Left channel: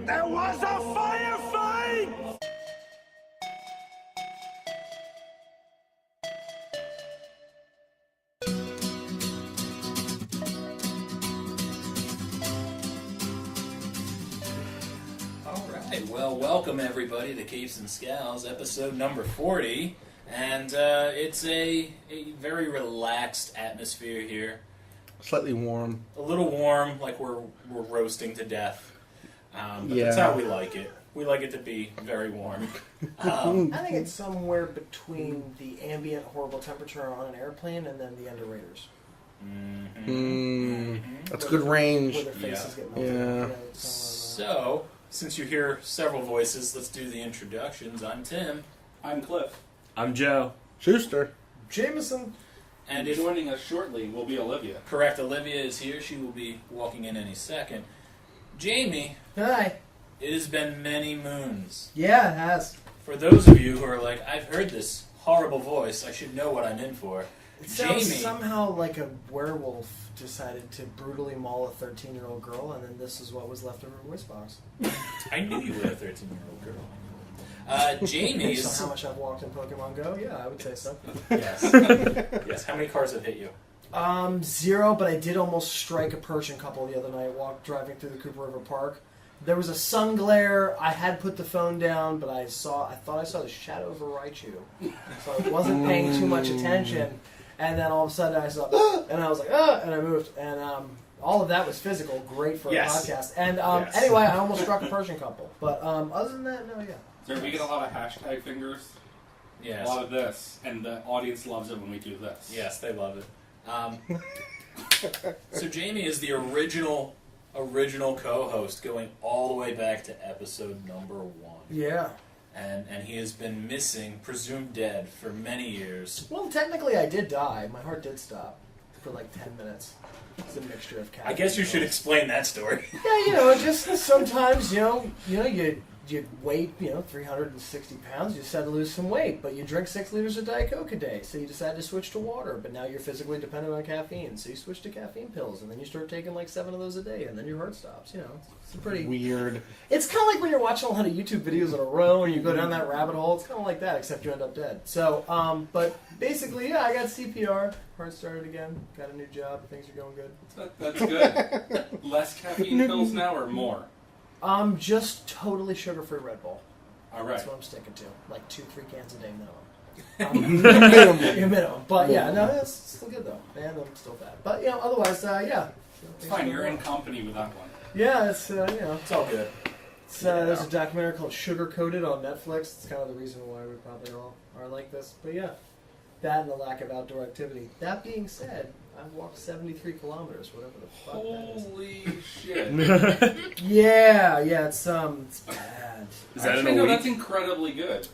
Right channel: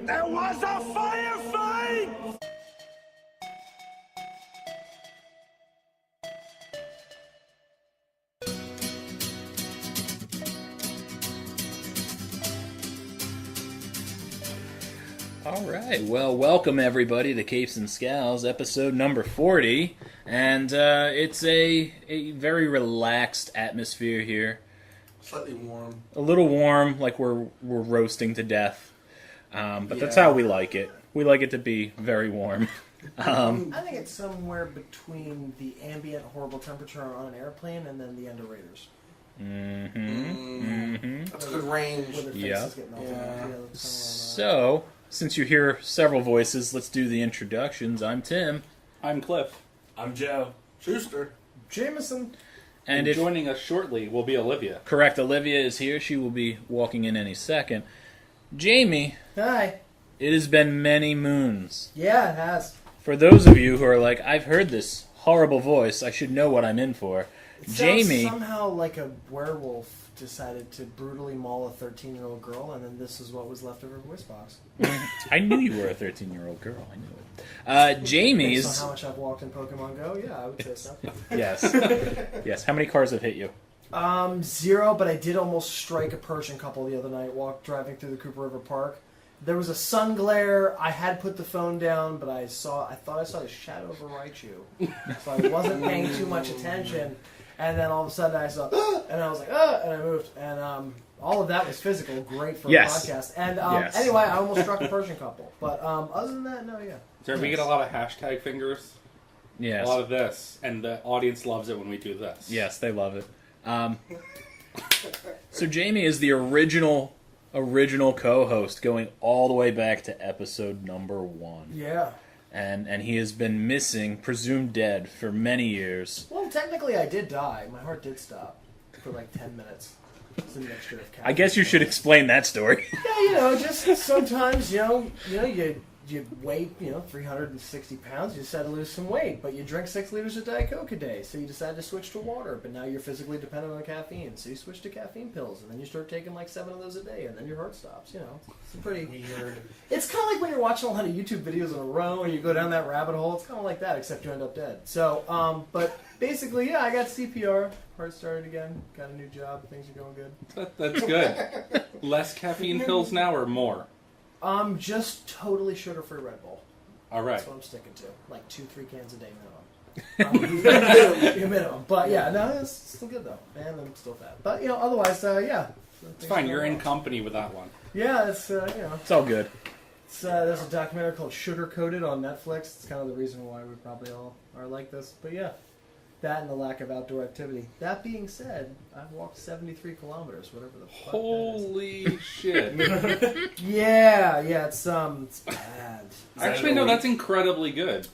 But there was a firefight! Alright, well, welcome everybody to Capes and Scowls, episode number 40. And it's a very relaxed atmosphere here. Slightly warm. A little warm, like we're roasting to death. But that's how we like it. We like it to be very warm. I think it's somewhere between the ambient horrible temperature on an airplane and then the underraters. That's a good range. Where their faces get melted off. You know, So, since you hear several voices, let's do the introductions. I'm Tim. I'm Cliff. I'm Joe. Schuster. Jameson. And joining us shortly will be Olivia. Correct, Olivia is here. She will be walking in any second. Jamie. Hi. It has been many moons. Yeah, it has. For those of you who are like, I've heard this horrible voice, I should know what I'm in for. It sounds Jamie. somehow like a werewolf decided to brutally maul a 13-year-old girl, and then this is what was left of her voice box. I knew you were a 13-year-old girl. I knew it. Jamie Based is... on how much I've walked in Pokemon Go, yeah, I would say so. Yes. Yes. How many cars have hit you? 0, but I did almost strike a Persian couple the other night driving through the Cooper River Park. There was a sun glare. I had put the phone down, but I thought I saw the shadow of a Raichu. So I wasn't paying too much attention. And then all of a sudden I saw, and I was like, and I moved. And all of that was physical, great for a podcast. And anyway, I almost struck a Persian couple. But other than that, no, yeah. So we get a lot of hashtag fingers. Yes. A lot of this. And the audience loves it when we do this. Yes, they love it. So Jamie is the original co-host going all the way back to episode number 1. Yeah. And he has been missing, presumed dead, for many years. Well, technically I did die. My heart did stop for like 10 minutes. It's a mixture of caffeine. I guess you should explain that story. Yeah, just sometimes, you weigh, 360 pounds, you decide to lose some weight, but you drink 6 liters of Diet Coke a day, so you decide to switch to water, but now you're physically dependent on caffeine, so you switch to caffeine pills, and then you start taking like 7 of those a day, and then your heart stops, It's pretty... Weird. It's kind of like when you're watching a lot of YouTube videos in a row, and you go down that rabbit hole, it's kind of like that, except you end up dead. So, but basically, yeah, I got CPR, heart started again, got a new job, things are going good. That's good. Less caffeine pills now or more? Just totally sugar-free Red Bull. All right. That's what I'm sticking to. Like 2-3 cans a day minimum. Minimum. But yeah, no, it's still good though. And I'm still fat. But, otherwise, yeah. It's fine. You're in company with that one. Yeah, it's, It's all good. There's a documentary called Sugar Coated on Netflix. It's kind of the reason why we probably all are like this. But yeah, that and the lack of outdoor activity. That being said, I walked 73 kilometers, whatever the fuck Holy shit. Yeah, it's bad. Actually, no, that's incredibly good.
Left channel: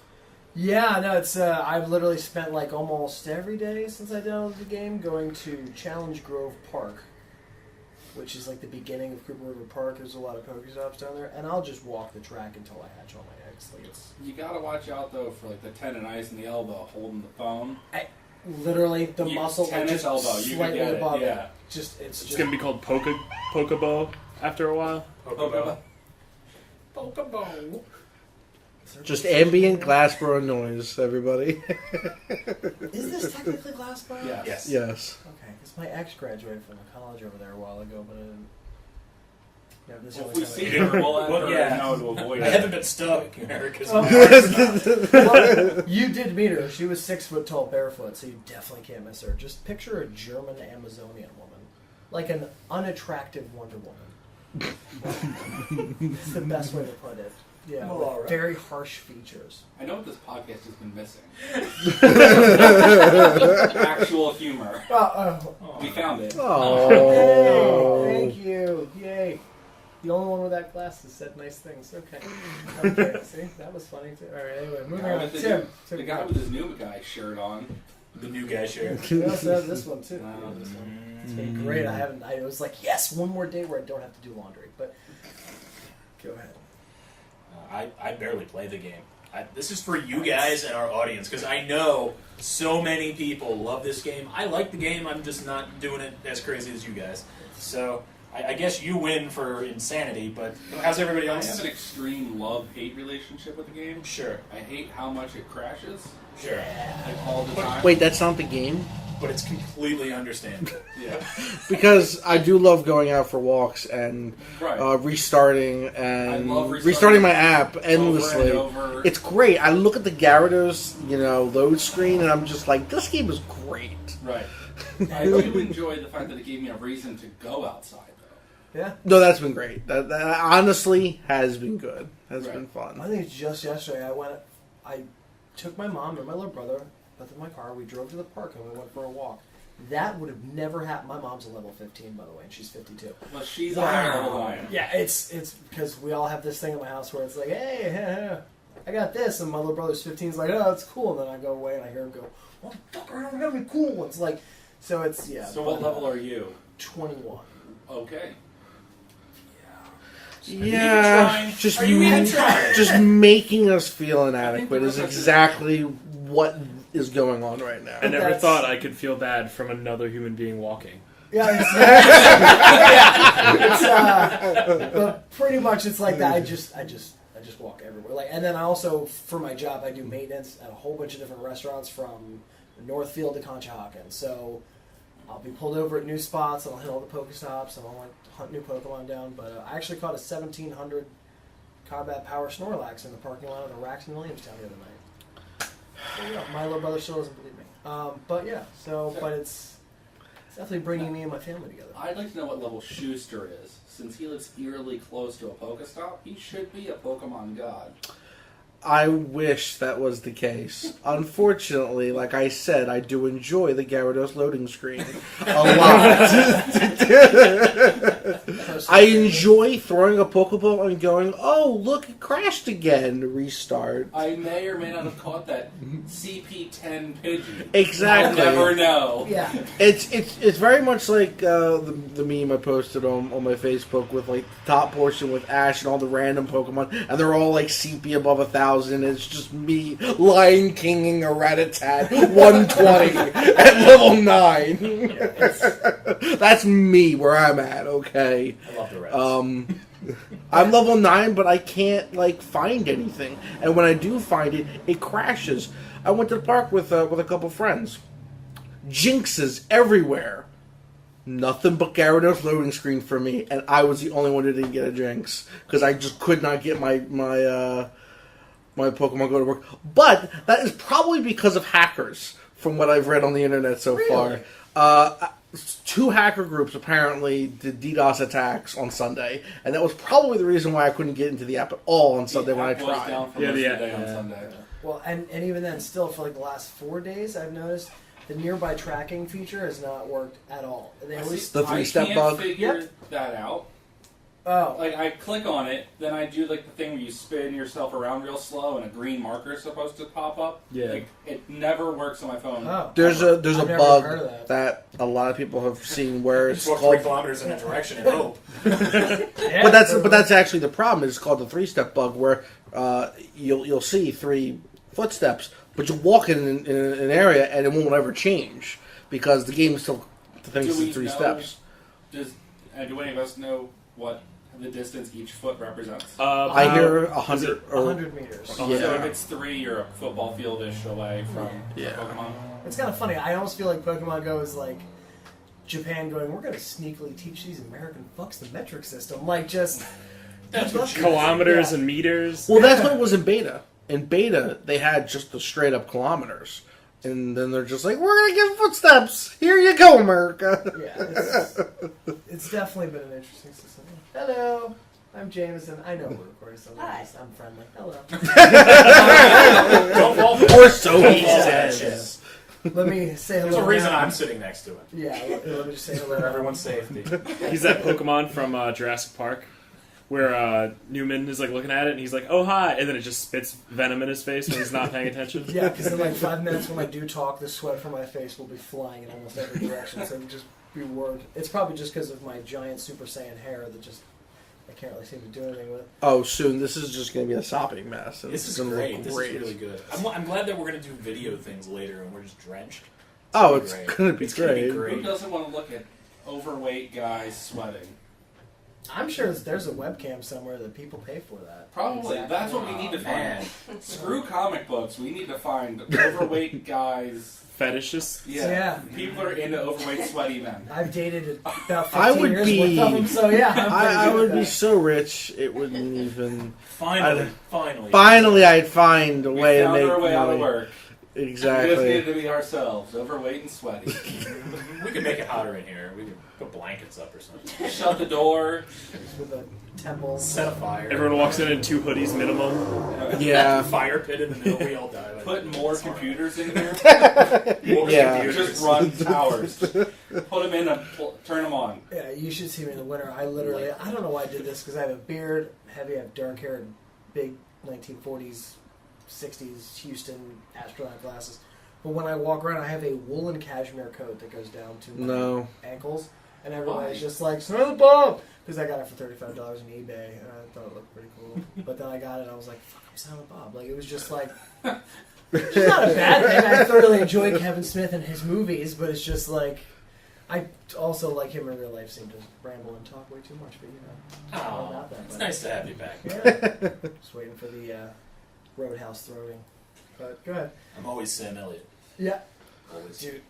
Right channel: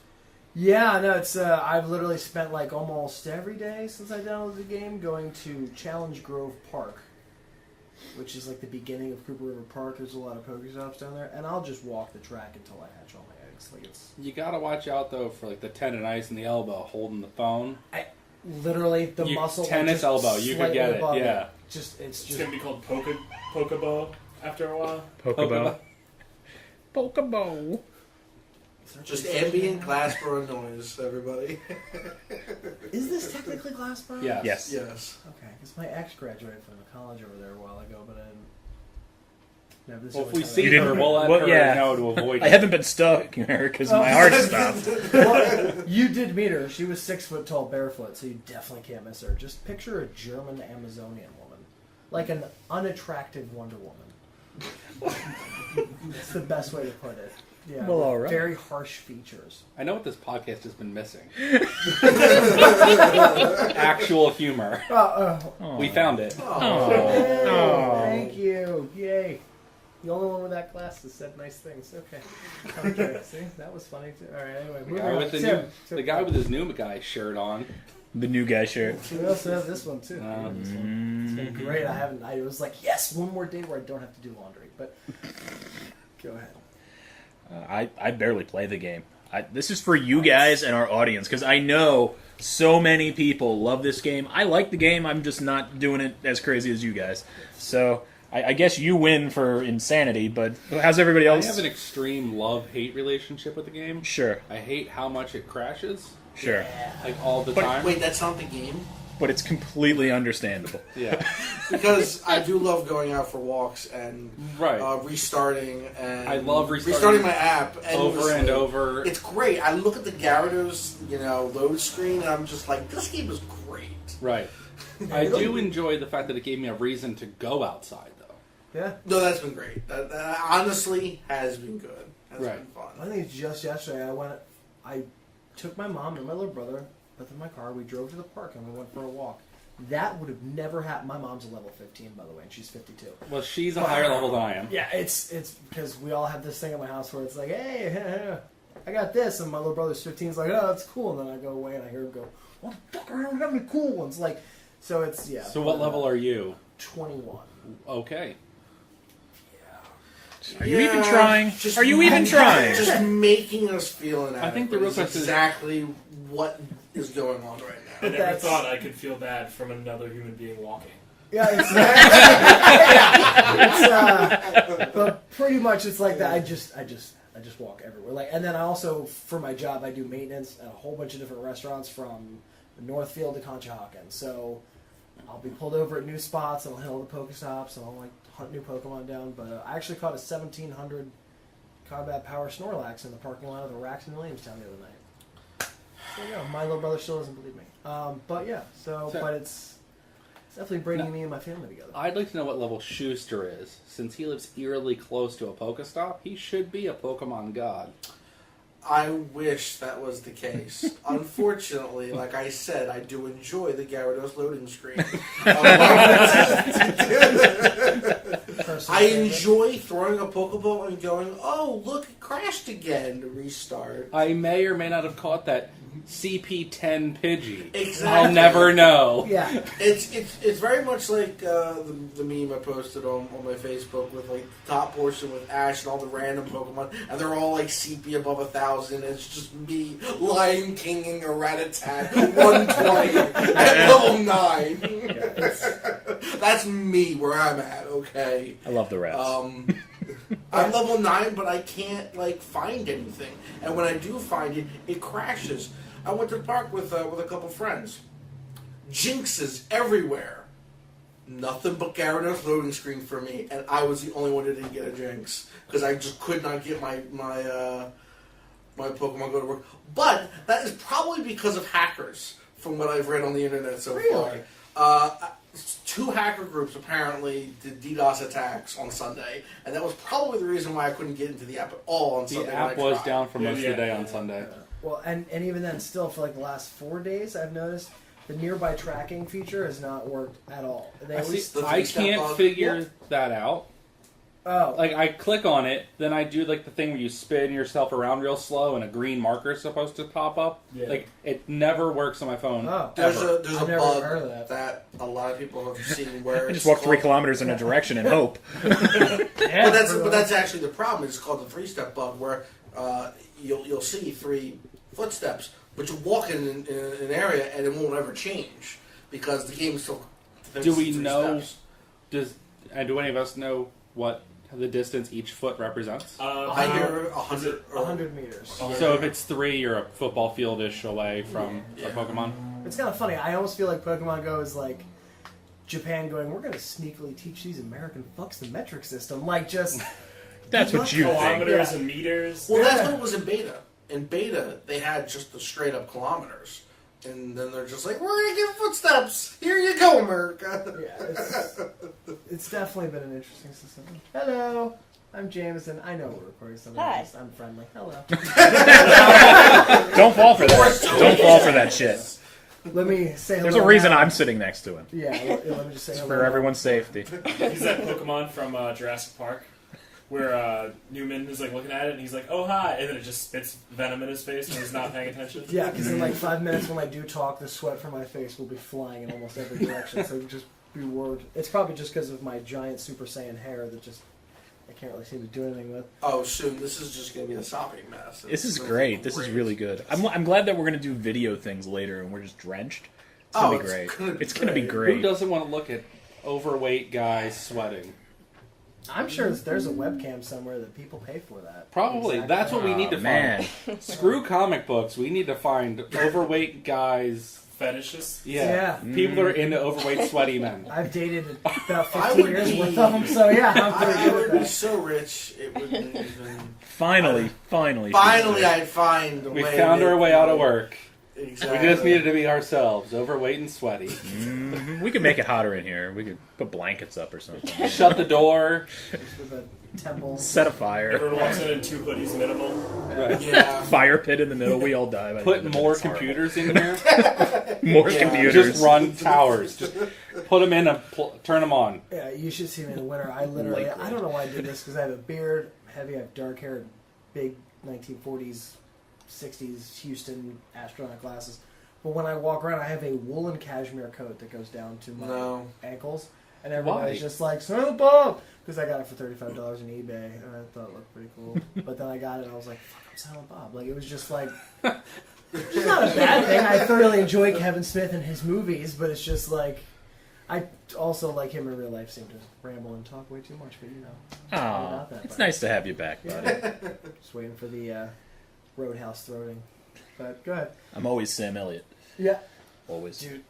Yeah, no, it's, I've literally spent like almost every day since I downloaded the game going to Challenge Grove Park, which is like the beginning of Cooper River Park. There's a lot of Pokestops down there, and I'll just walk the track until I hatch all my eggs. Like You gotta watch out though for like the tendonitis in the elbow holding the phone. Literally, the muscle tennis just elbow, you could get it. above Yeah, It's gonna be called Pokebo after a while. Pokebo. Pokeball. Just ambient glassboro noise, everybody. Is this technically Glassboro? Yeah. Yes. Yes. Okay, because my ex graduated from the college over there a while ago, but I didn't. Yeah, this is Well, if the we only see time her, we'll let her know to avoid I it. haven't been stalking her because Oh. my heart stopped. Well, you did meet her. She was 6 foot tall, barefoot, so you definitely can't miss her. Just picture a German Amazonian woman, like an unattractive Wonder Woman. It's the best way to put it. Yeah, Well, with all right. very harsh features. I know what this podcast has been missing. Actual humor. We found it. Yay, thank you. Yay. The only one with that glasses said nice things. Okay. Okay, see? That was funny too. Alright, anyway, moving Guy on. with Tim, the guy with his new guy shirt on. The new guy shirt. We also have this one too. This one. It's been great. I was like, yes, one more day where I don't have to do laundry. But go ahead. I barely play the game. This is for you guys and our audience, because I know so many people love this game. I like the game, I'm just not doing it as crazy as you guys. So I guess you win for insanity, but how's everybody I else? have an extreme love-hate relationship with the game. Sure, I hate how much it crashes, sure. like all the time. Wait, that's not the game? But it's completely understandable. Yeah. Because I do love going out for walks and Right. Restarting. And I love restarting my app endlessly. over and over. It's great. I look at the Gyarados, load screen, and I'm just like, this game is great. Right. I do enjoy the fact that it gave me a reason to go outside, though. Yeah. No, that's been great. That honestly has been good. Has Right. been fun. I think it's just yesterday. I took my mom and my little brother, both in my car. We drove to the park and we went for a walk. That would have never happened. My mom's a level 15, by the way, and she's 52. Well, she's a higher level than I am. Yeah, it's because we all have this thing at my house where it's like, hey, I got this, and my little brother's 15. He's like, oh, that's cool. And then I go away and I hear him go, what the fuck? I don't have any cool ones. Like, so it's So what level are you? 21. Okay. Are you even trying? Just Are you even trying? Just making us feel I think inadequate the is real question is- exactly what is going on right now. I never That's- thought I could feel bad from another human being walking. Yeah, but pretty much it's like that. I just walk everywhere. Like, and then I also, for my job, I do maintenance at a whole bunch of different restaurants from Northfield to Conshohocken. So I'll be pulled over at new spots and I'll hit all the Pokestops and I'll like hunt new Pokemon down. But I actually caught a 1700 Combat Power Snorlax in the parking lot of the Rax in Williamstown the other night. So yeah, my little brother still doesn't believe me. But yeah, but it's definitely bringing me and my family together. I'd like to know what level Schuster is. Since he lives eerily close to a Pokestop, he should be a Pokemon god. I wish that was the case. Unfortunately, like I said, I do enjoy the Gyarados loading screen a lot. I enjoy throwing a Pokeball and going, oh, look, it crashed again. Restart. I may or may not have caught that CP10 Pidgey. Exactly. I'll never know. Yeah. It's very much like the meme I posted on my Facebook with like the top portion with Ash and all the random Pokemon, and they're all like CP above 1,000. It's just me Lion Kinging a Rattata 120 at level 9. Yeah, That's me where I'm at. Okay. I love the rest. I'm level 9, but I can't like find anything, and when I do find it, it crashes. I went to the park with a couple friends. Jinxes everywhere. Nothing but Gyarados loading screen for me, and I was the only one who didn't get a Jinx because I just could not get my Pokemon go to work. But that is probably because of hackers, from what I've read on the internet so Really? far. 2 hacker groups apparently did DDoS attacks on Sunday, and that was probably the reason why I couldn't get into the app at all on Sunday The when I app was tried. down for Yeah, most the of the day app, on yeah. Sunday. Well, and even then, still for like the last 4 days, I've noticed the nearby tracking feature has not worked at all. They always, the I 3-step can't bug. figure Yep. that out. oh, Like, I click on it, then I do, like, the thing where you spin yourself around real slow and a green marker is supposed to pop up. Yeah. Like, it never works on my phone. oh, There's ever. a I've never bug heard of that. a lot of people have seen where it's Just walk 3 kilometers in a direction and hope. yeah, but that's actually the problem. It's called the 3-step bug, where you'll see 3 footsteps, but you walk in an area and it won't ever change because the game still thinks Do we it's 3 know- steps. Do any of us know what the distance each foot represents? I hear 100. 100 meters. So if it's 3, you're a football field-ish away from Yeah. a Pokemon. It's kind of funny. I almost feel like Pokemon Go is like Japan going, we're going to sneakily teach these American fucks the metric system. Like, just... That's what you Kilometers Yeah. and meters. Well, that's Yeah. what was in beta. In beta, they had just the straight up kilometers. And then they're just like, we're going to get footsteps. Here you go, America. Yeah, it's definitely been an interesting system. Hello, I'm Jameson. I know we're recording something. Hi. I'm friendly. Hello. Don't fall for that. Don't fall for that shit. Let me say hello. There's a reason now. I'm sitting next to him. Yeah, let me just say hello. For now. everyone's safety. He's that Pokemon from Jurassic Park, where Newman is like looking at it and he's like, "Oh hi," and then it just spits venom in his face when he's not paying attention. Yeah, because in like 5 minutes when I do talk, the sweat from my face will be flying in almost every direction. So just be warned. It's probably just because of my giant Super Saiyan hair that just I can't really seem to do anything with. Oh, soon. This is just going to be a sopping mess. This is It's gonna great. look This is really good. I'm glad that we're going to do video things later and we're just drenched. It's Oh, gonna be it's great. gonna be It's gonna be great. Who great. doesn't want to look at overweight guys sweating? I'm sure there's a webcam somewhere that people pay for that. Probably. Exactly. That's what we need to man. find. Screw comic books. We need to find overweight guys. Fetishes. Yeah. People are into overweight, sweaty men. I've dated about I 15 would years be- worth of them, so yeah, I'm pretty I good would with be that. so rich, it wouldn't even... Finally. Finally, I'd find a We way. found to our make way out of money. work. Exactly. We just needed to be ourselves, overweight and sweaty. We could make it hotter in here. We could put blankets up or something. Shut the door. Just with a temple. Set a fire. Everyone walks in 2 hoodies minimum. Right. Yeah. Fire pit in the middle. We all die. by the Put end of more it. It's horrible. computers in here. More Yeah. computers. Just run towers. Just put them in and turn them on. Yeah, you should see me in the winter. I don't know why I did this, because I have a beard, heavy, I have dark hair, and big 1940s, 60s Houston astronaut glasses. But when I walk around, I have a woolen cashmere coat that goes down to my ankles. And everybody's Why? just like, "Son of the bomb!" Because I got it for $35 on eBay, and I thought it looked pretty cool. But then I got it, and I was like, "Fuck, I'm Silent Bob." Like, it was just like, it's just not a bad thing. I thoroughly enjoy Kevin Smith and his movies, but it's just like, I also like him in real life. Seem to ramble and talk way too much, but you know, it's all Aw, about that. it's buddy. nice to have you back. Yeah. Just waiting for the Roadhouse throating. But go ahead. I'm always Sam Elliott. Yeah, Always. dude,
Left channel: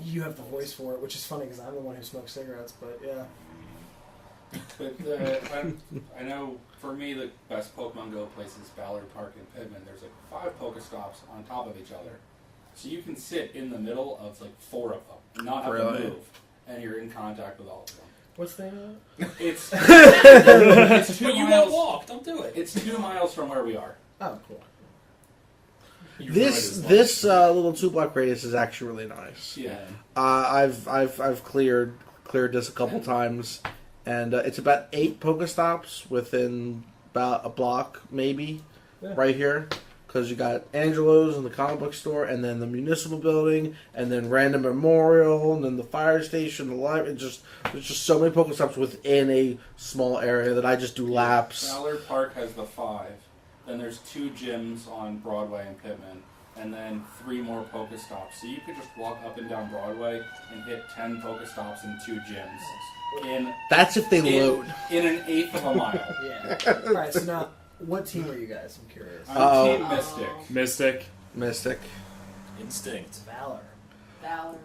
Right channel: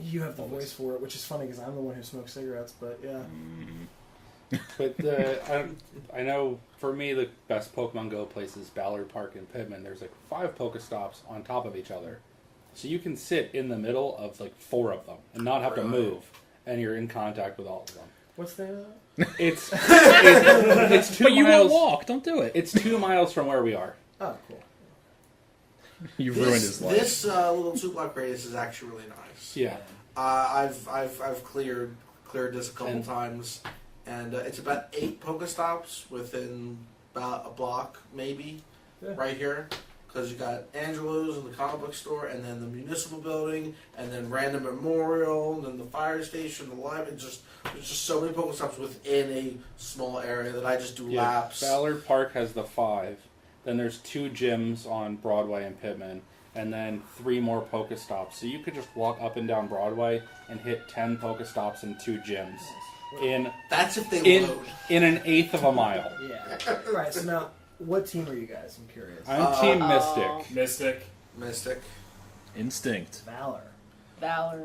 you have the voice for it, which is funny because I'm the one who smokes cigarettes. But yeah. But I know for me the best Pokemon Go place is Ballard Park in Pittman. There's like 5 Pokestops on top of each other, so you can sit in the middle of like 4 of them and not have to Really? move, and you're in contact with all of them. What's the name of it? It's 2 But you miles. won't walk. Don't do it. It's 2 miles from where we are. Oh, cool. You ruined This his life. this little 2-block radius is actually really nice. Yeah. I've cleared this a couple times, and it's about 8 Pokestops within about a block, maybe, Yeah. right here. Because you got Angelo's and the comic book store, and then the municipal building, and then Random Memorial, and then the fire station, the library. There's just so many Pokestops within a small area that I just do laps. Ballard Park has the 5. Then there's 2 gyms on Broadway and Pittman, and then 3 more Pokestops. So you could just walk up and down Broadway and hit 10 Pokestops and 2 gyms in That's if they in, load. in an eighth of a mile. Yeah. All right. So now, what team are you guys? I'm curious. I'm Team Mystic. Mystic. Mystic. Instinct. Valor. Oh,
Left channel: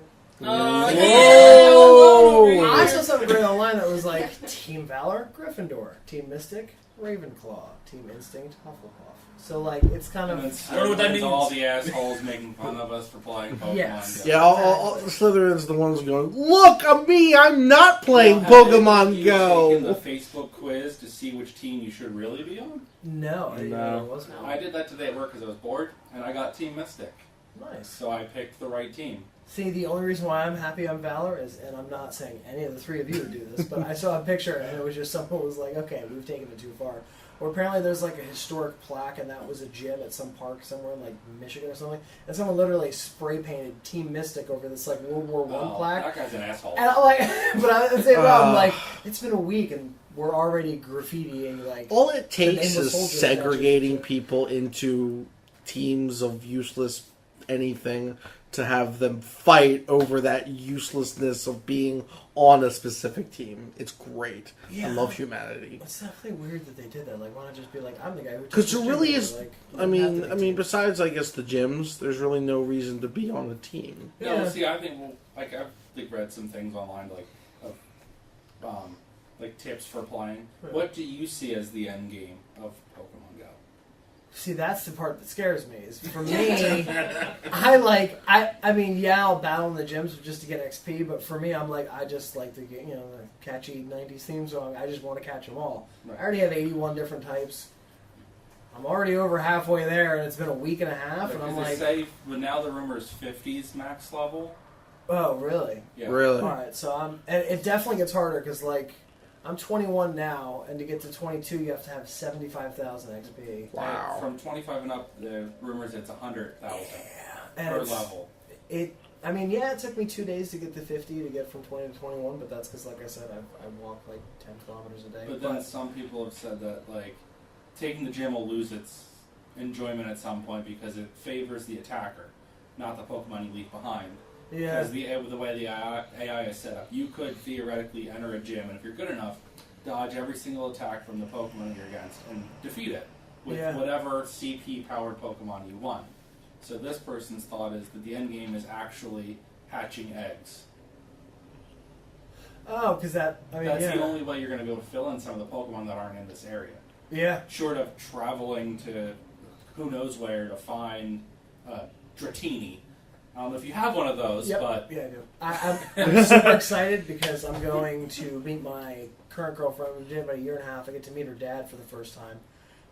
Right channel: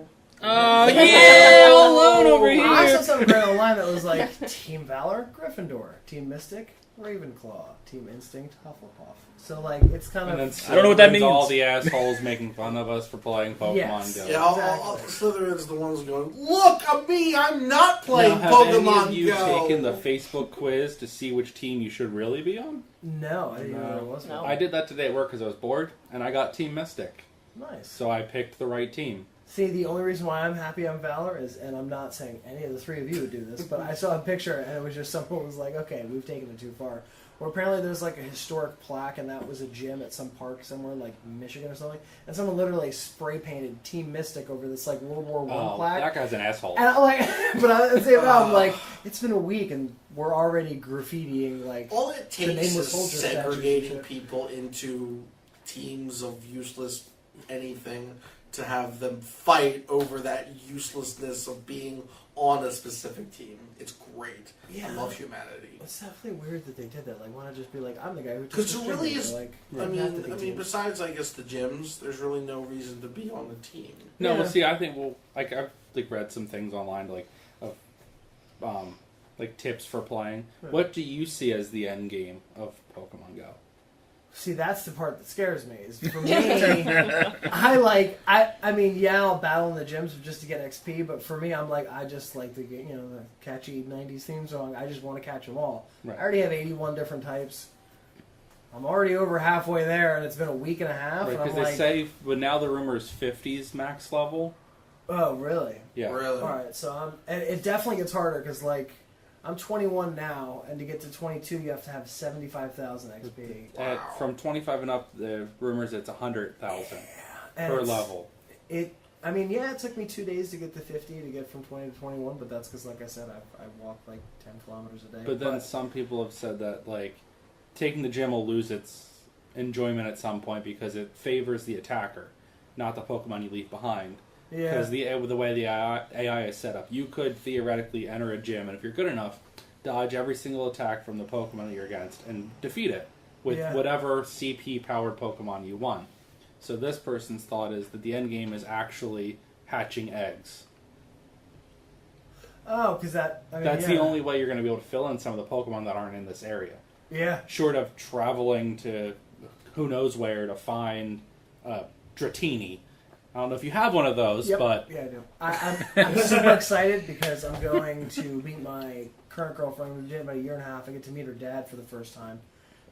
Oh, I saw something great online that was like Team Valor, Gryffindor, Team Mystic, Ravenclaw, Team Instinct, Hufflepuff. So like it's kind And then of I don't know what that Slytherin's all means. the assholes making fun of us for playing Pokemon Yes. Go. Yeah, all the Exactly. Slytherins the ones going, look, I'm me, I'm not playing Now, have any of Pokemon you Go. taken the Facebook quiz to see which team you should really be on? no. I didn't know No. there was one. I did that today at work because I was bored, and I got Team Mystic. Nice. So I picked the right team. See, the only reason why I'm happy I'm Valor is, and I'm not saying any of the 3 of you would do this, but I saw a picture and it was just someone was like, okay, we've taken it too far. Or apparently there's like a historic plaque and that was a gym at some park somewhere in like Michigan or something, and someone literally spray painted Team Mystic over this like World War I plaque. That guy's an asshole. And I'm like, but at the same time, I'm like, it's been a week and we're already graffitiing like. All it The takes nameless is soldier statues and segregating shit. people into teams of useless anything to have them fight over that uselessness of being on a specific team. It's great. Yeah. I love humanity. It's definitely weird that they did that. Like, why not just be like, I'm the guy who? took Because this there really gym is. over, like, I you don't have to mean, be teams. besides I guess the gyms, there's really no reason to be on a team. No, Yeah. see, I think like I've like read some things online like tips for playing. Right. What do you see as the end game of Pokemon Go? See, that's the part that scares me. Is for me, I mean, yeah, I'll battle in the gyms just to get XP, but for me, I'm like, I just like to get, the catchy 90s theme song. I just want to catch them all. Right. I already have 81 different types. I'm already over halfway there, and it's been a week and a half, and Because I'm they like, say, but now the rumor is 50's max level. oh, really? Yeah. Really. All right, so and it definitely gets harder because like I'm 21 now, and to get to 22, you have to have 75,000 XP. Wow. From 25 and up, the rumors it's 100,000 And per it's- level. I mean, yeah, it took me 2 days to get to 50 to get from 20 to 21, but that's because, like I said, I walk like 10 kilometers a day. But then some people have said that like taking the gym will lose its enjoyment at some point because it favors the attacker, not the Pokemon you leave behind. yeah, Because the way the AI is set up, you could theoretically enter a gym, and if you're good enough, dodge every single attack from the Pokemon that you're against, and defeat it with Yeah. whatever CP-powered Pokemon you want. So this person's thought is that the end game is actually hatching eggs. Oh, because that's The only way you're going to be able to fill in some of the Pokemon that aren't in this area. Yeah. Short of traveling to who knows where to find Dratini. I don't know if you have one of those, Yep. but... Yeah, I do. I'm super excited because I'm going to meet my current girlfriend. We've been dating about a year and a half. I get to meet her dad for the first time.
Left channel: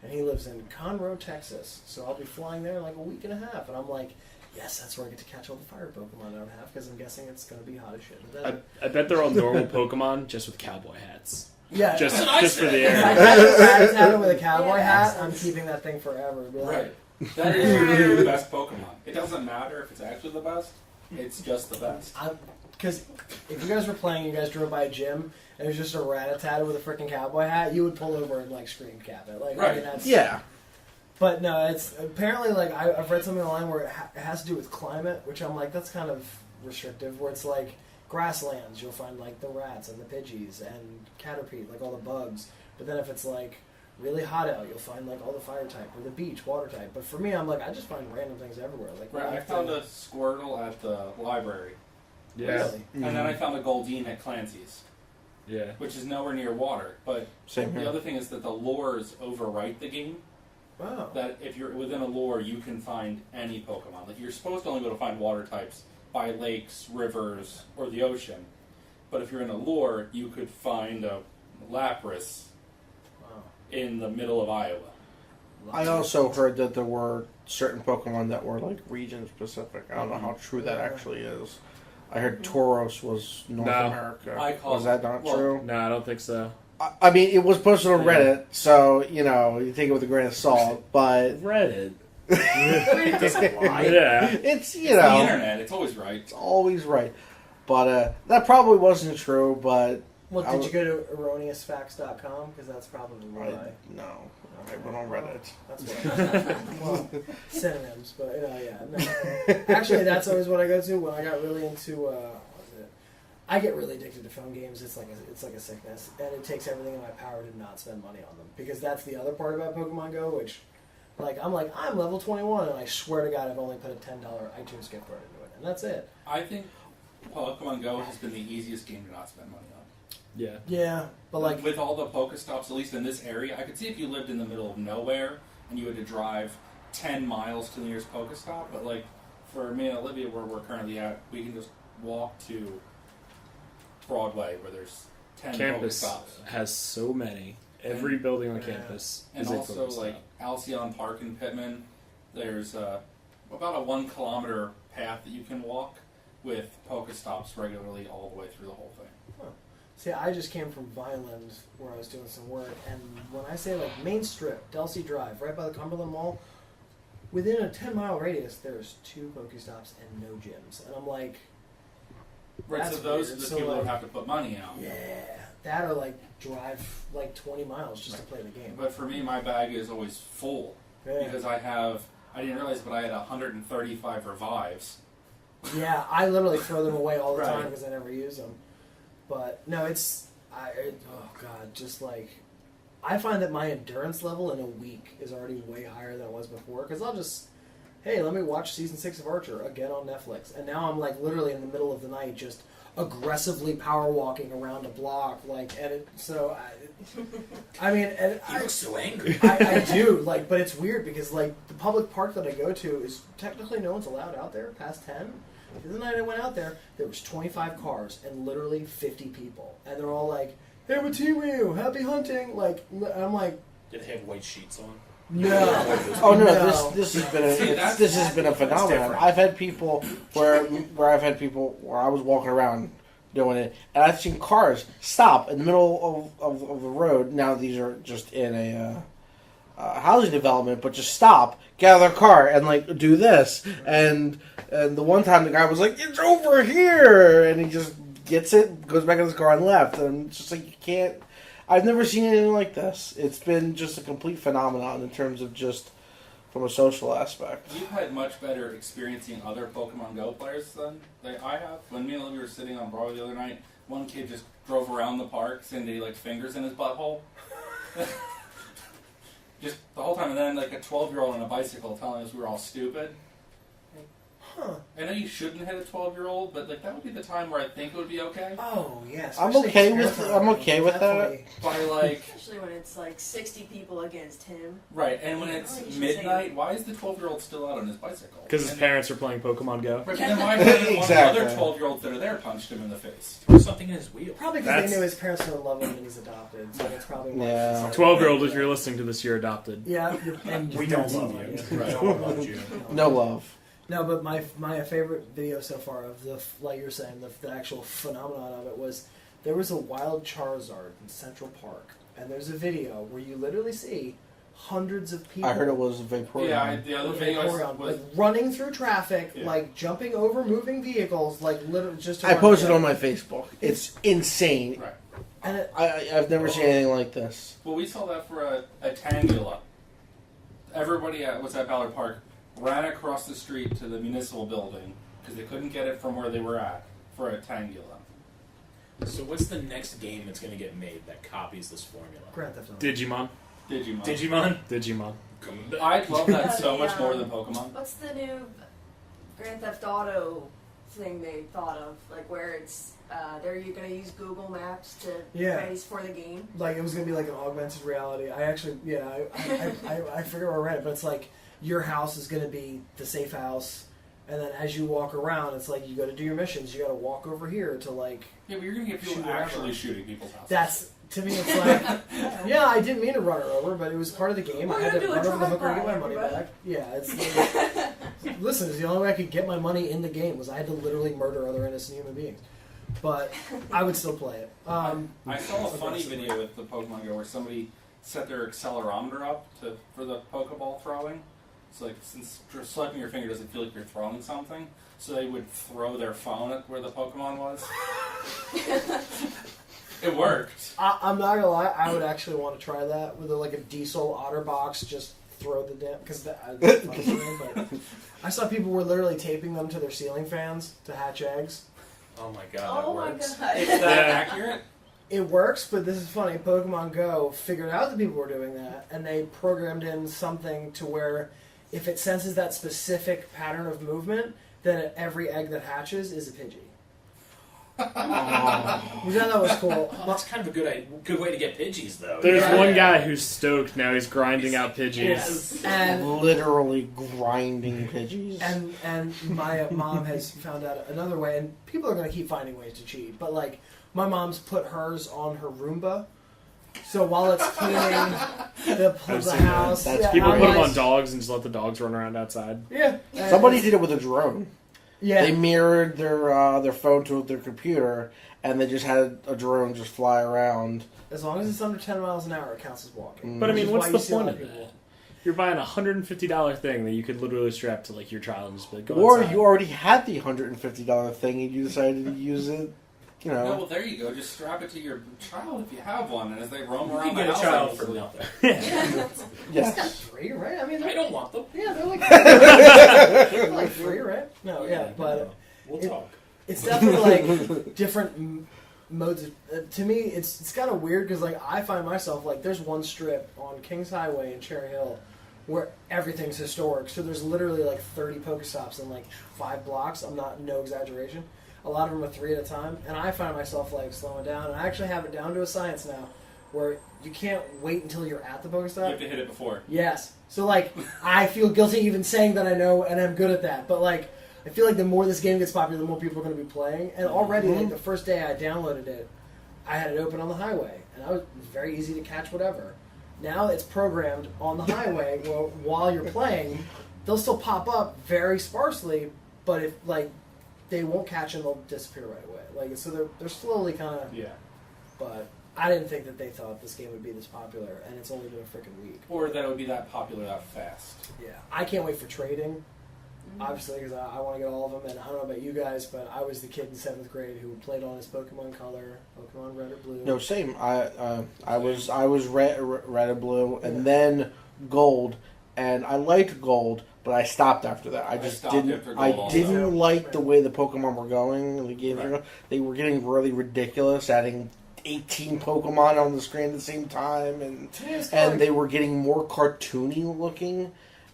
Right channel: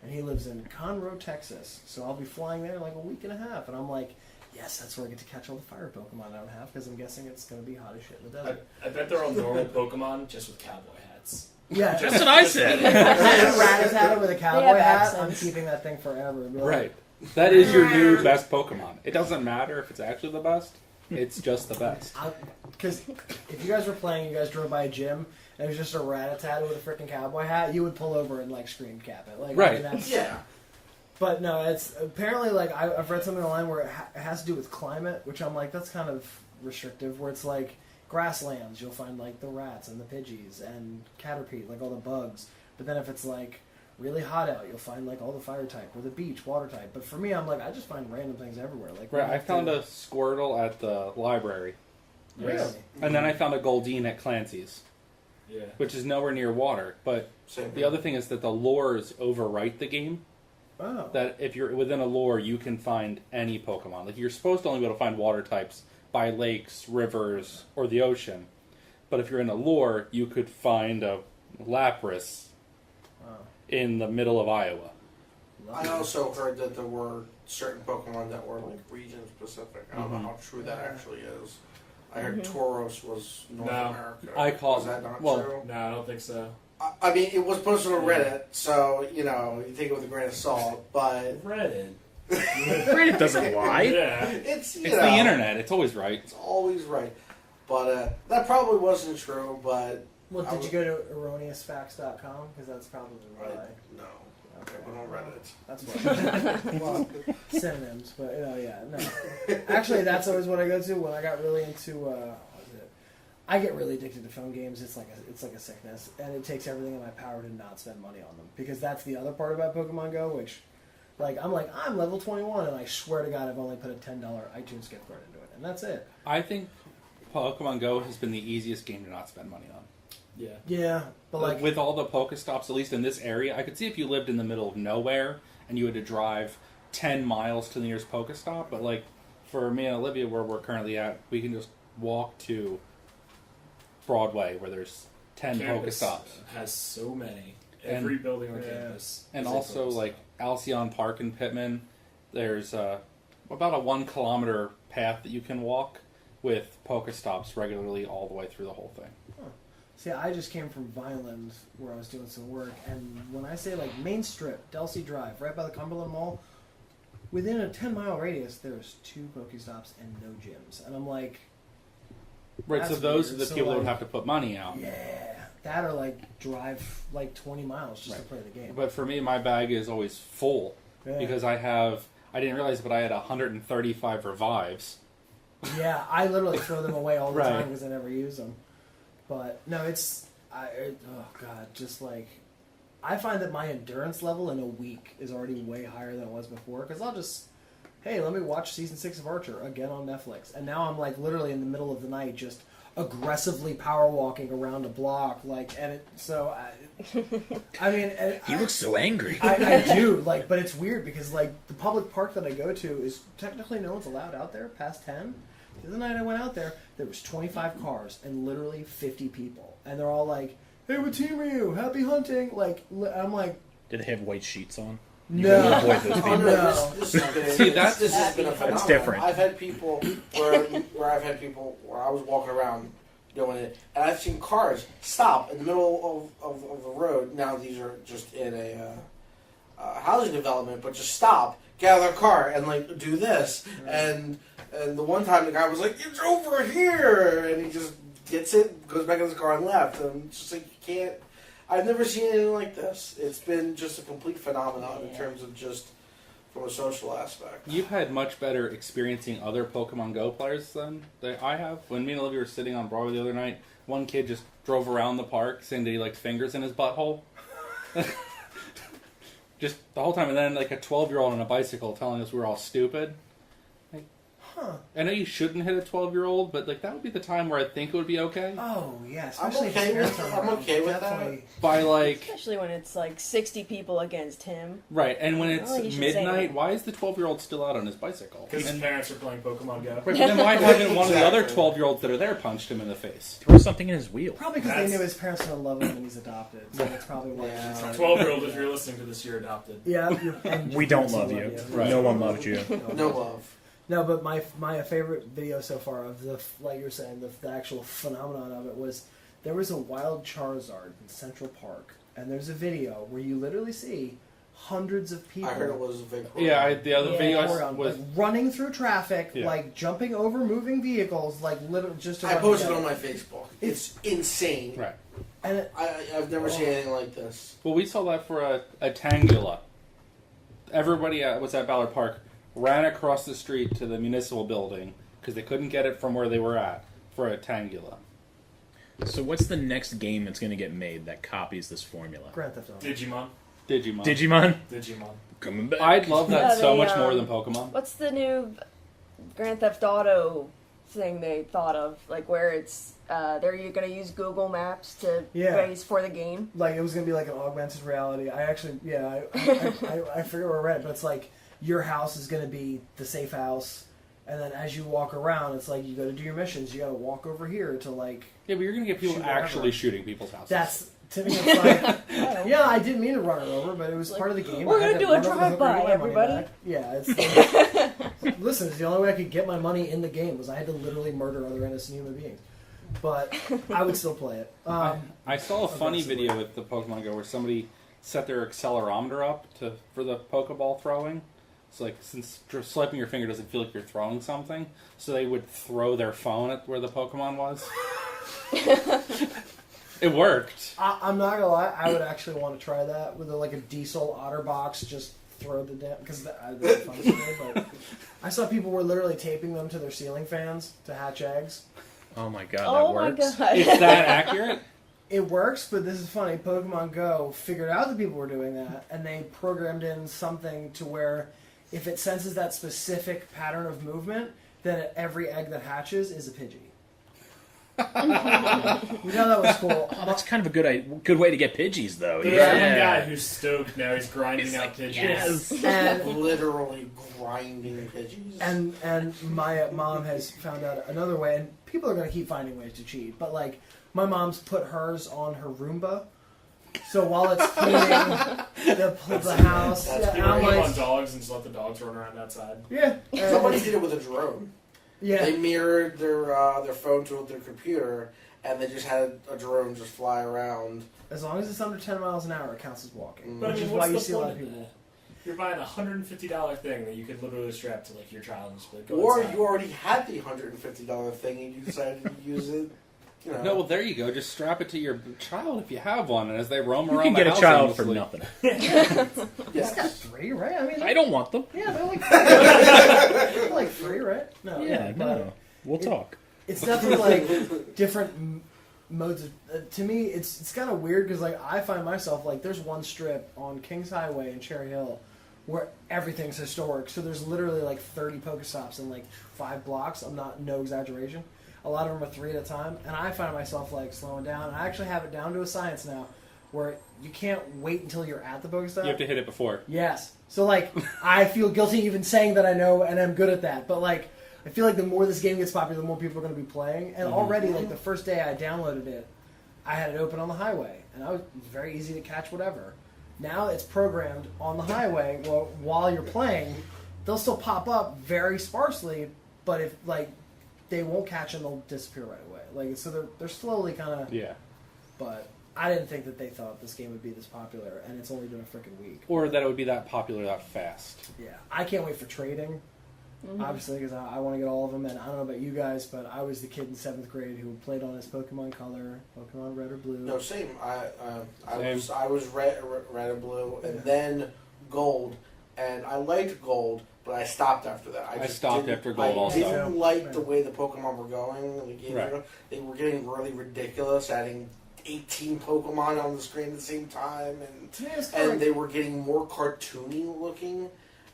And he lives in Conroe, Texas. So I'll be flying there in like a week and a half. And I'm like, yes, that's where I get to catch all the fire Pokemon I don't have because I'm guessing it's going to be hot as shit in the desert. I bet they're all normal Pokemon just with cowboy hats. Yeah. Just, That's what I just for said. the If I catch a Rattata with a cowboy Yeah, hat, that I'm sense. keeping that thing forever. It'll be like, Right. That is your new best Pokemon. It doesn't matter if it's actually the best. It's just the best. Because if you guys were playing, you guys drove by a gym, and it was just a Rattata with a freaking cowboy hat, you would pull over and like scream cap it. Like, I Right. mean, that's, Yeah. But no, it's apparently like I've read something online where it has to do with climate, which I'm like, that's kind of restrictive. Where it's like grasslands, you'll find like the rats and the Pidgeys and Caterpie, like all the bugs. But then if it's like really hot out, you'll find like all the fire type or the beach water type. But for me, I'm like, I just find random things everywhere. Like Right, I found a Squirtle at the library. Really? And then I found a Goldeen at Clancy's, Yeah. which is nowhere near water. But Same the here. other thing is that the lures overwrite the game. Oh. That if you're within a lure, you can find any Pokemon. Like, you're supposed to only be able to find water types by lakes, rivers, or the ocean. But if you're in a lure, you could find a Lapras Wow. in the middle of Iowa. I also heard that there were certain Pokemon that were like region specific. I don't know how true that Yeah. actually is. I heard Tauros was North No. America. I call Is that not well, true? No, I don't think so. I mean, it was posted on Yeah. Reddit, so you know you take it with a grain of salt. But Reddit. Reddit doesn't lie. Yeah. it's you It's know the internet. It's always right. it's always right. But that probably wasn't true. But Well, I did w- you go to erroneousfacts.com? Because that's probably what no, I went on Reddit. That's what. Well, synonyms, but yeah, no. Actually, that's always what I go to when I got really into. What is it? I get really addicted to phone games. It's like a sickness, and it takes everything in my power to not spend money on them because that's the other part about Pokemon Go, which. I'm level 21, and I swear to God, I've only put a $10 iTunes gift card into it, and that's it. I think Pokemon Go has been the easiest game to not spend money on. Yeah. Yeah, but like with all the Pokestops, at least in this area, I could see if you lived in the middle of nowhere and you had to drive 10 miles to the nearest Pokestop, but like for me and Olivia, where we're currently at, we can just walk to Broadway where there's 10 Campus Pokestops. has so many. Every building on Yeah. campus. And is a also, Pokestop. like, Alcyon Park in Pittman, there's about a 1 kilometer path that you can walk with Pokestops regularly all the way through the whole thing. See, I just came from Vineland where I was doing some work, and when I say like Main Strip, Delsey Drive, right by the Cumberland Mall, within a 10-mile radius, there's 2 Pokestops and no gyms, and I'm like, Right, so That's those weird. are the So, people that would like- have to put money out. yeah, that or like drive like 20 miles just to play the game. But for me, my bag is always full Yeah. because I didn't realize, but I had 135 revives. Yeah, I literally throw them away all the Right. time because I never use them. But no, oh god, just like I find that my endurance level in a week is already way higher than it was before because I'll just, hey, let me watch season 6 of Archer again on Netflix, and now I'm like literally in the middle of the night just aggressively power walking around a block, like, and it, so I mean, and You look so angry. I do, like, but it's weird because, like, the public park that I go to is technically no one's allowed out there past 10. The other night I went out there was 25 cars and literally 50 people. And they're all like, hey, what team are you? Happy hunting. Like, I'm like, Did they have white sheets on? no. Oh no, No. this has been See, that's- this has been a phenomenon. different. I've had people where I was walking around doing it, and I've seen cars stop in the middle of the road. Now these are just in a housing development, but just stop, get out of their car, and like do this. And the one time the guy was like, "It's over here," and he just gets it, goes back in his car, and left. And it's just like you can't. I've never seen anything like this. It's been just a complete phenomenon in terms of just from a social aspect. You've had much better experiencing other Pokemon Go players than I have. When me and Olivia were sitting on Broadway the other night, one kid just drove around the park saying that he liked fingers in his butthole. Just the whole time, and then like a 12-year-old on a bicycle telling us we were all stupid. I know you shouldn't hit a 12-year-old, but like that would be the time where I think it would be okay. Oh yeah, I'm especially okay if with parents I'm are okay with that. definitely- By like Especially when it's like 60 people against him. right, and when it's Oh, you should midnight, say- why is the 12-year-old still out on his bicycle? Because his And- parents are playing Pokemon Go. Right, but then why haven't one of the other Exactly. 12-year-olds that are there punched him in the face? Throw something in his wheel. Probably because That's- they knew his parents don't love him and he's adopted. So that's probably why. Yeah. he's like- 12-year-old, if you're listening to this, you're adopted. Yeah, and We your don't parents love you. Right. No one loves you. No love. No, but my favorite video so far of the, like you're saying, the actual phenomenon of it was there was a wild Charizard in Central Park, and there's a video where you literally see hundreds of people. I heard it was Victoria. Yeah, the other video I around, was like running through traffic, Yeah. like jumping over moving vehicles, like literally just. To I run posted together. on my Facebook. It's insane. right. And it, I've never seen anything like this. Well, we saw that for a Tangula. Everybody was at Ballard Park ran across the street to the municipal building because they couldn't get it from where they were at for a Tangula. So what's the next game that's going to get made that copies this formula? Grand Theft Auto. Digimon. Digimon? Digimon. Coming back. I'd love that Yeah, so they, much more than Pokemon. What's the new Grand Theft Auto thing they thought of? Like where it's they're going to use Google Maps to base for the game. Like it was gonna be like an augmented reality. I actually, I forget where I read it, but it's like your house is gonna be the safe house, and then as you walk around, it's like you go to do your missions. You got to walk over here to like. Yeah, but you're going to get people Shoot actually wherever. shooting people's houses. That's to me. It's like, yeah, I didn't mean to run her over, but it was part of the game. We're I had gonna to do a run over the hooker and get my drive-by, money everybody. back. Yeah, it's listen. It's the only way I could get my money in the game was I had to literally murder other innocent human beings. But I would still play it. I saw a funny aggressively. video with the Pokemon Go where somebody set their accelerometer up for the Pokeball throwing. So like since swiping your finger doesn't feel like you're throwing something, so they would throw their phone at where the Pokemon was. It worked. I'm not gonna lie. I would actually want to try that with like a diesel OtterBox. Just throw the damn because that's fun for me. But I saw people were literally taping them to their ceiling fans to hatch eggs. Oh my god, Oh that my works. god. It's that accurate. It works, but this is funny. Pokemon Go figured out that people were doing that, and they programmed in something to where if it senses that specific pattern of movement, then every egg that hatches is a Pidgey. Which I thought was cool. Oh, that's kind of a good way to get Pidgeys, though. There's Yeah. one guy who's stoked now. He's grinding out Pidgeys. Yes. And Literally grinding Pidgeys. And my mom has found out another way, and people are going to keep finding ways to cheat. But like, my mom's put hers on her Roomba, so while it's cleaning the house, That's- People I'm put them like- on dogs and just let the dogs run around outside. Yeah, and Somebody it's- did it with a drone. Yeah, They mirrored their phone to their computer, and they just had a drone just fly around. as long as it's under 10 miles an hour, it counts as walking. But I Which mean, is what's why the you see a lot point of of that? You're buying a $150 thing that you could literally strap to like your child and just be like, go Or outside. you already had the $150 thing, and you decided to use it. You know, No, well there you go. Just strap it to your child if you have one, and as they roam You around can the get a house child for aimlessly- nothing. It's got 3, right? I mean, I don't want them. yeah, they're like 3, right? No, yeah, but no. We'll it- talk. it's definitely like different modes. To me, it's kind of weird because like I find myself like there's one strip on Kings Highway in Cherry Hill where everything's historic. So there's literally like 30 Pokestops in like 5 blocks. No exaggeration. A lot of them are 3 at a time, and I find myself like slowing down. And I actually have it down to a science now, where you can't wait until you're at the Pokestop. You have to hit it before. Yes. So like I feel guilty even saying that I know and I'm good at that. But like I feel like the more this game gets popular, the more people are going to be playing. And already like the first day I downloaded it, I had it open on the highway, and it was very easy to catch whatever. Now it's programmed on the highway. Well, while you're playing, they'll still pop up very sparsely, but if like they won't catch them, they'll disappear right away. Like so they're slowly kind of. Yeah. But I didn't think that they thought this game would be this popular, and it's only been a freaking week. Or that it would be that popular that fast. Yeah, I can't wait for trading. Obviously, because I want to get all of them, and I don't know about you guys, but I was the kid in 7th grade who played on his Pokemon Color, Pokemon Red or Blue. no, same. I was red or blue, and then gold, and I liked gold, but I stopped after that. I just stopped didn't, after Gold I also. didn't like the way the Pokemon were going. Right. They were getting really ridiculous, adding 18 Pokemon on the screen at the same time, and they were getting more cartoony looking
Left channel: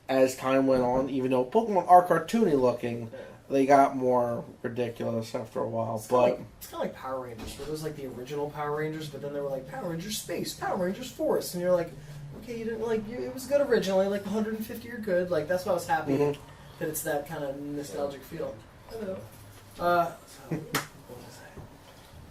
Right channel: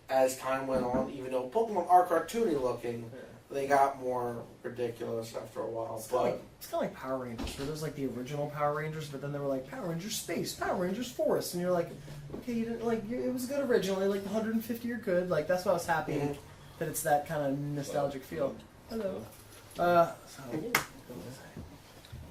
as time went on. Even though Pokemon are cartoony looking, they got more ridiculous after a while. It's kind of like Power Rangers, where there's like the original Power Rangers, but then they were like Power Rangers Space, Power Rangers Forest, and you're like, okay, you didn't it was good originally, like the 150 are good, like that's why I was happy that it's that kind of nostalgic feel. Hello.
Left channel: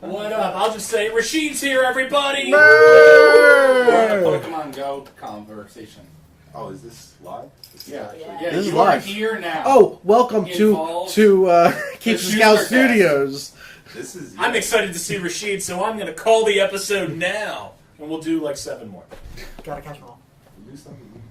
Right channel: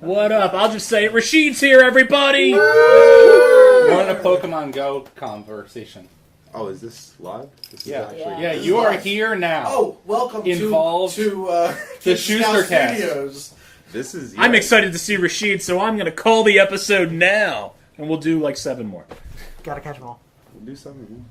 What up? I'll just say Rashid's here, everybody! We're in a Pokemon Go conversation. Oh, is this live? Yeah, This you is are live. here now. Oh, welcome Involved to the Keith Scout Schuster cast. Studios. This is. I'm excited to see Rashid, so I'm going to call the episode now. And we'll do like 7 more. Gotta catch them all. Do something.